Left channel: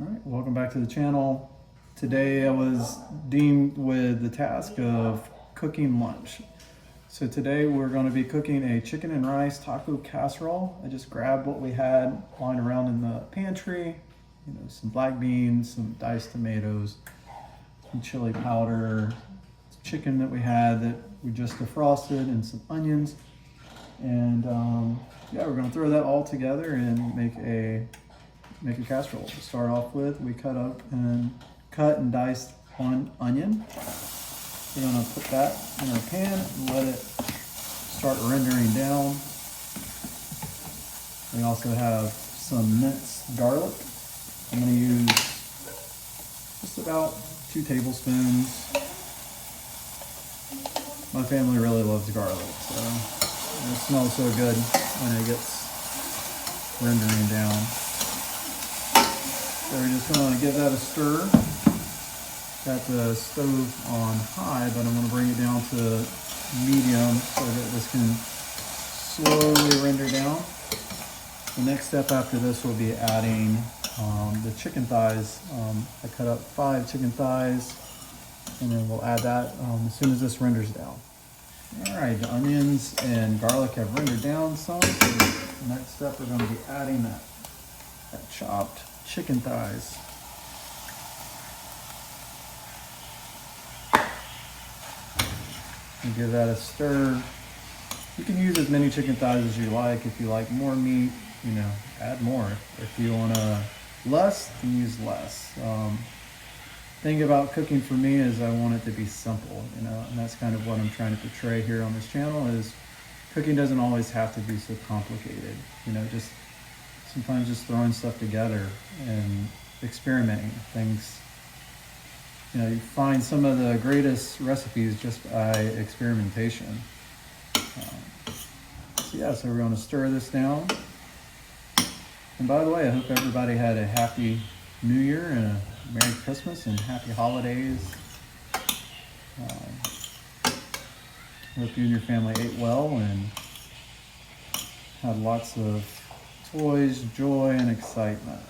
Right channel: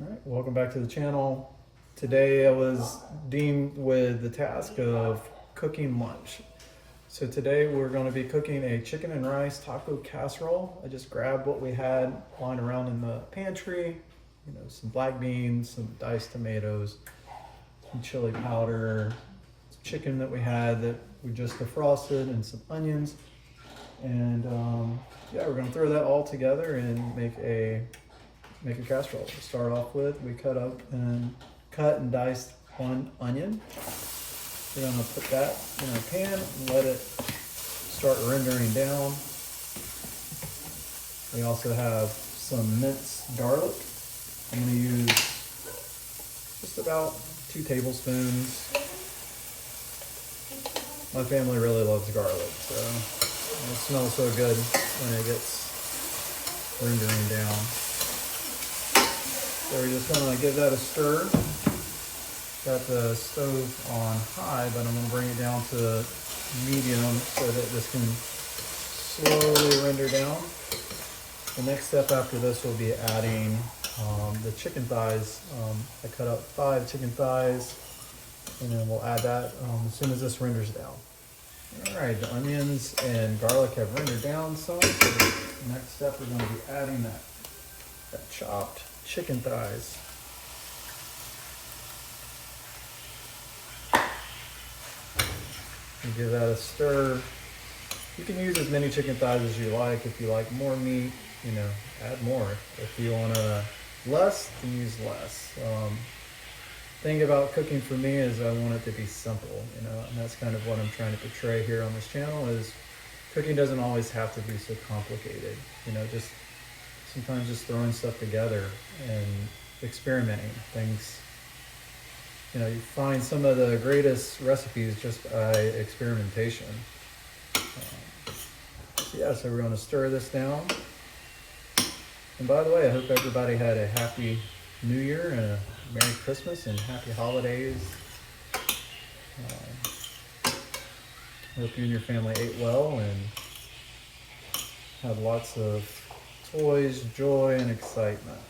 All right, welcome back to the channel. Today I was deemed with the task of cooking lunch. So today we're going to be cooking a chicken and rice taco casserole. I just grabbed what we had lying around in the pantry, some black beans, some diced tomatoes, some chili powder, some chicken that we had that we just defrosted, and some onions. And yeah, we're going to throw that all together and make a casserole. To start off with, we cut and diced one onion. We're gonna put that in our pan and let it start rendering down. We also have some minced garlic. I'm gonna use just about 2 tablespoons. My family really loves garlic, so it smells so good when it gets rendering down. So we're just gonna give that a stir. Got the stove on high, but I'm gonna bring it down to medium so that this can slowly render down. The next step after this will be adding the chicken thighs. I cut up 5 chicken thighs, and then we'll add that as soon as this renders down. All right, the onions and garlic have rendered down some, so the next step we're gonna be adding that chopped chicken thighs. And give that a stir. You can use as many chicken thighs as you like. If you like more meat, add more. If you want less, then use less. Thing about cooking for me is I want it to be simple, and that's kind of what I'm trying to portray here on this channel. Is cooking doesn't always have to be so complicated. Just sometimes just throwing stuff together and experimenting things. You find some of the greatest recipes just by experimentation. So we're going to stir this down. And by the way, I hope everybody had a happy New Year and a Merry Christmas and happy holidays. I hope you and your family ate well and had lots of toys, joy, and excitement.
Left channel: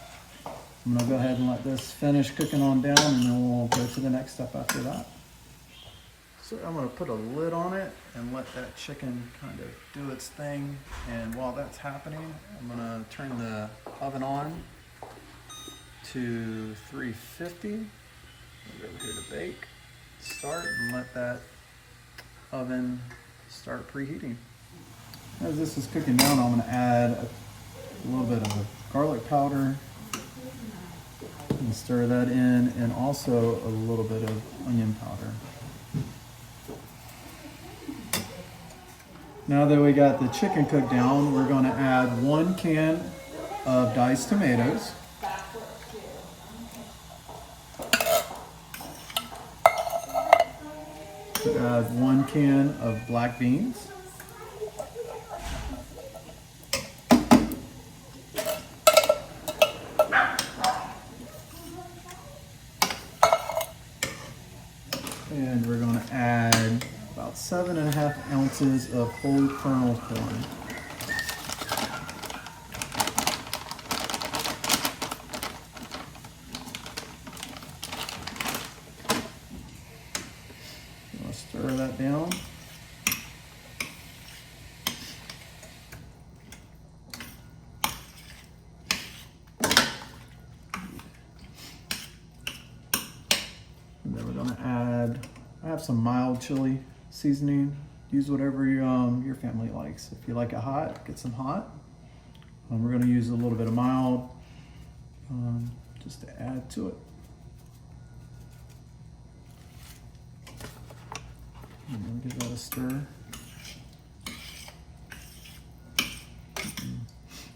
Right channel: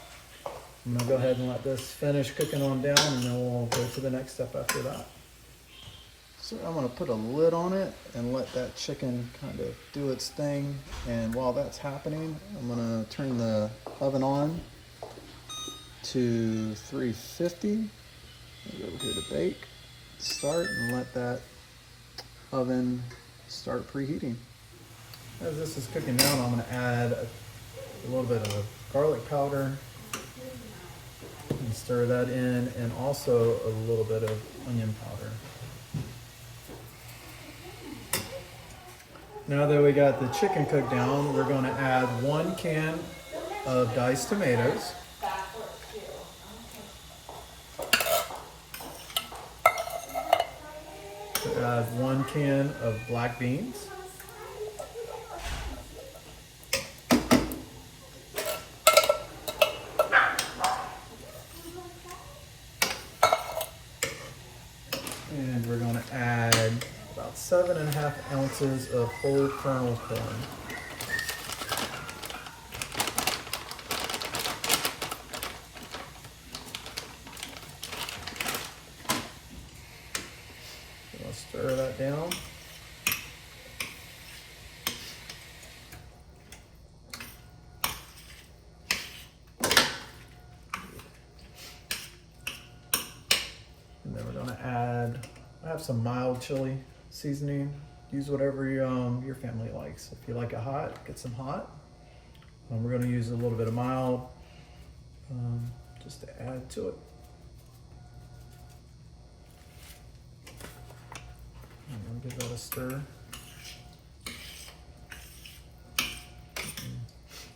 I'm gonna go ahead and let this finish cooking on down, and then we'll go to the next step after that. So I'm gonna put a lid on it and let that chicken kind of do its thing. And while that's happening, I'm gonna turn the oven on to 350. We're over here to bake. Start and let that oven start preheating. As this is cooking down, I'm gonna add a little bit of garlic powder and stir that in, and also a little bit of onion powder. Now that we got the chicken cooked down, we're going to add 1 can of diced tomatoes. Add 1 can of black beans. And we're going to add about 7.5 ounces of whole kernel corn. We'll stir that down. And then we're going to add, I have some mild chili seasoning. Use whatever your family likes. If you like it hot, get some hot. We're going to use a little bit of mild just to add to it. And give that a stir.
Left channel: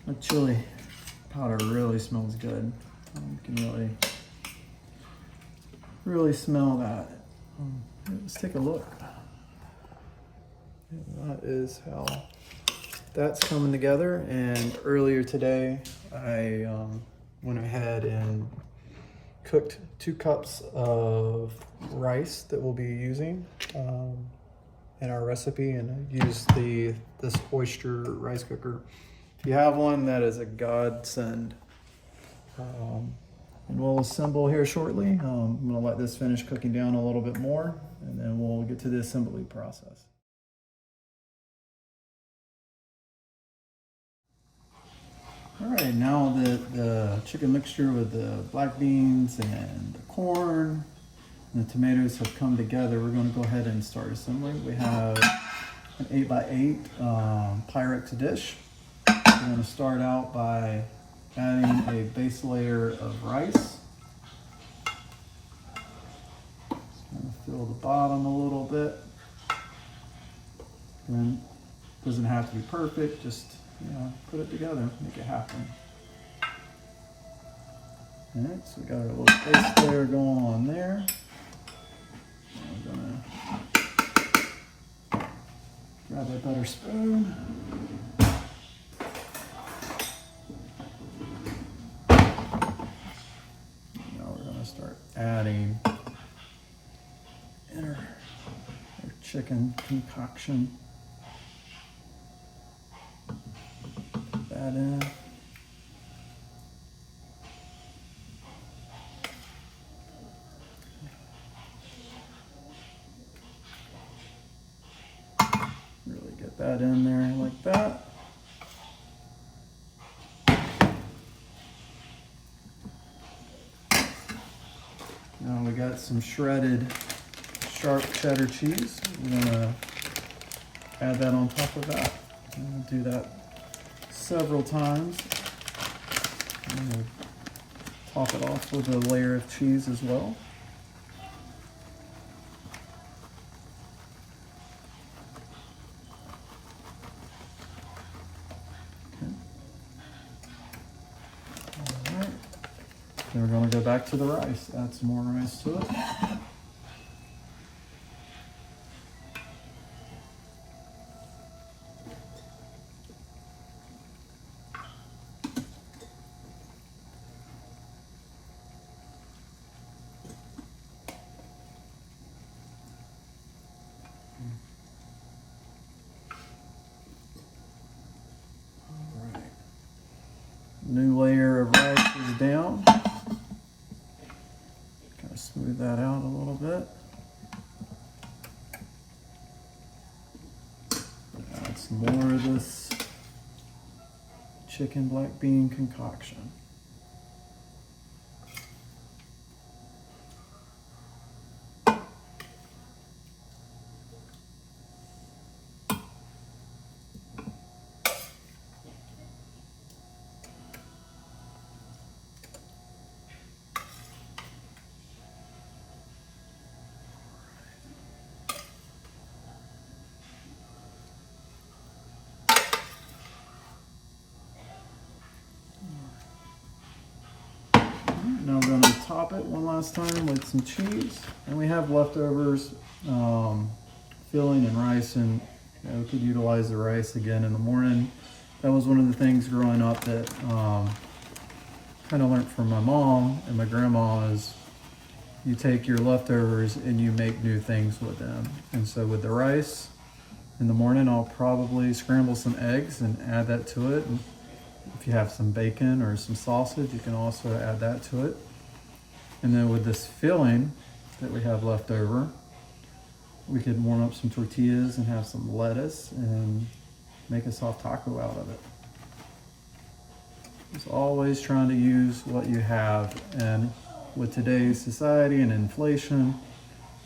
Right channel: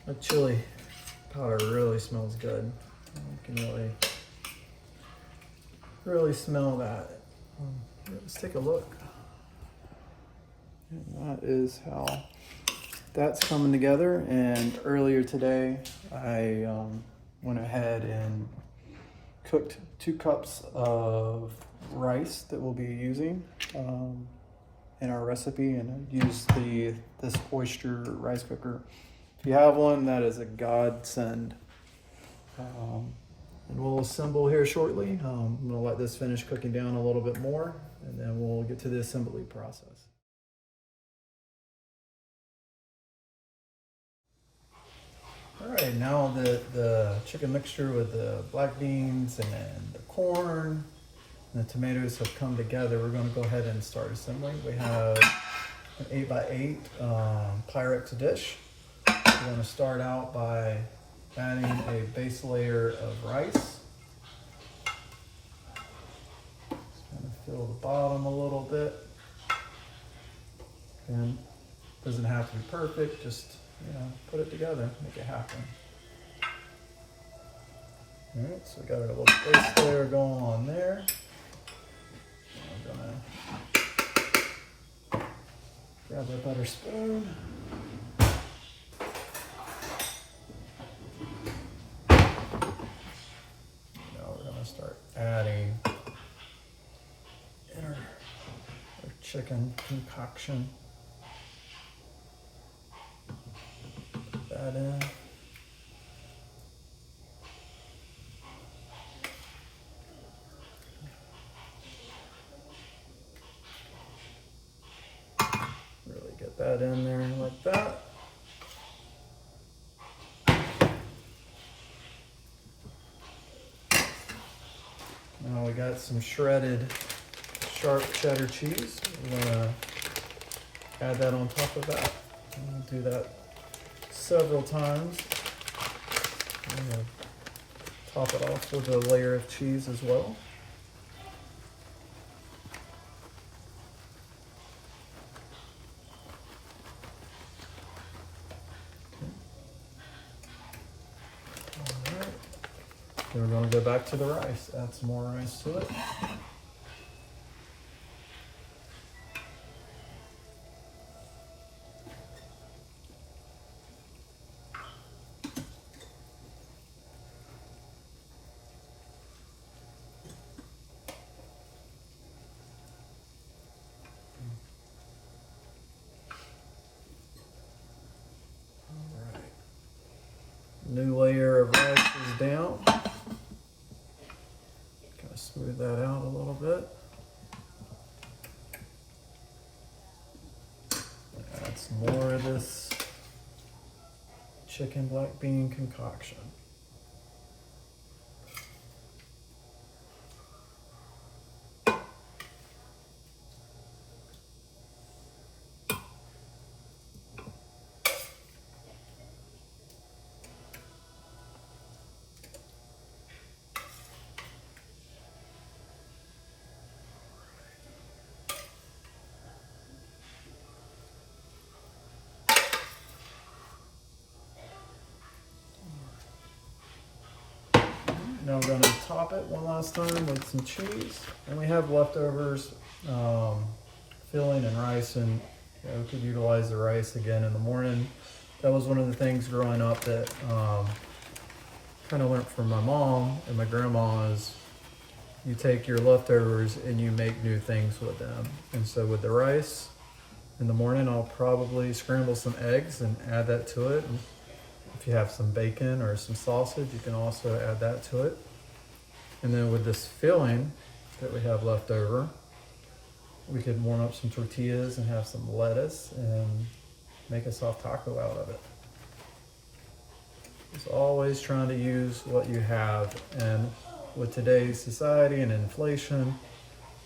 That chili powder really smells good. You can really smell that. Let's take a look. And that is how that's coming together. And earlier today, I went ahead and cooked 2 cups of rice that we'll be using in our recipe, and I used this oyster rice cooker. If you have one, that is a godsend. and we'll assemble here shortly. I'm gonna let this finish cooking down a little bit more, and then we'll get to the assembly process. All right, now that the chicken mixture with the black beans and the corn and the tomatoes have come together, we're going to go ahead and start assembling. We have an 8x8 Pyrex dish. We're going to start out by adding a base layer of rice. Just going to fill the bottom a little bit. And it doesn't have to be perfect, just put it together, make it happen. All right, so we got our little base layer going on there. I'm gonna grab my butter spoon. Now we're gonna start adding our chicken concoction. That in. Really get that in there like that. Now we got some shredded sharp cheddar cheese. We're gonna add that on top of that. I'm gonna do that several times. I'm gonna top it off with a layer of cheese as well. Okay. All right. Then we're going to go back to the rice. Add some more rice to it. New layer of rice is down. Kind of smooth that out a little bit. Add some more of this chicken black bean concoction. Now I'm going to top it one last time with some cheese. And we have leftovers, filling and rice, and we could utilize the rice again in the morning. That was one of the things growing up that kind of learned from my mom and my grandma is you take your leftovers and you make new things with them. And so with the rice in the morning, I'll probably scramble some eggs and add that to it. And if you have some bacon or some sausage, you can also add that to it. And then with this filling that we have left over, we could warm up some tortillas and have some lettuce and make a soft taco out of it. It's always trying to use what you have, and with today's society and inflation,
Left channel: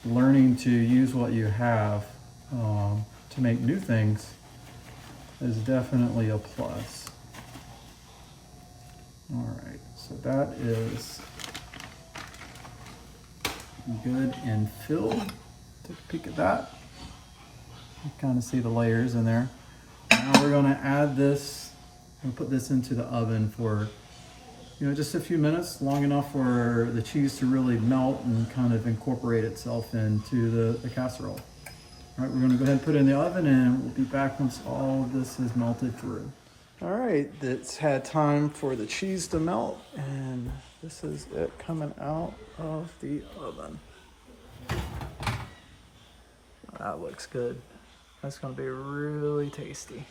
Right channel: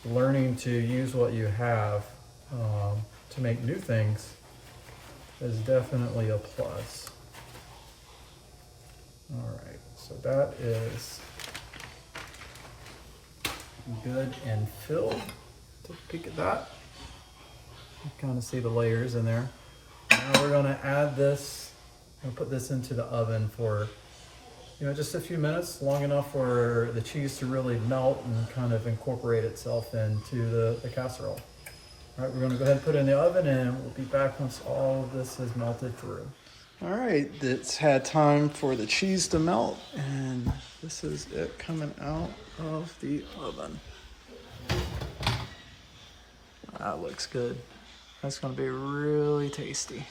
learning to use what you have to make new things is definitely a plus. All right, so that is good and filled. Take a peek at that. You kind of see the layers in there. Now we're gonna add this, and put this into the oven for just a few minutes, long enough for the cheese to really melt and kind of incorporate itself into the casserole. All right, we're gonna go ahead and put it in the oven, and we'll be back once all of this is melted through. All right, it's had time for the cheese to melt, and this is it coming out of the oven. That looks good. That's gonna be really tasty.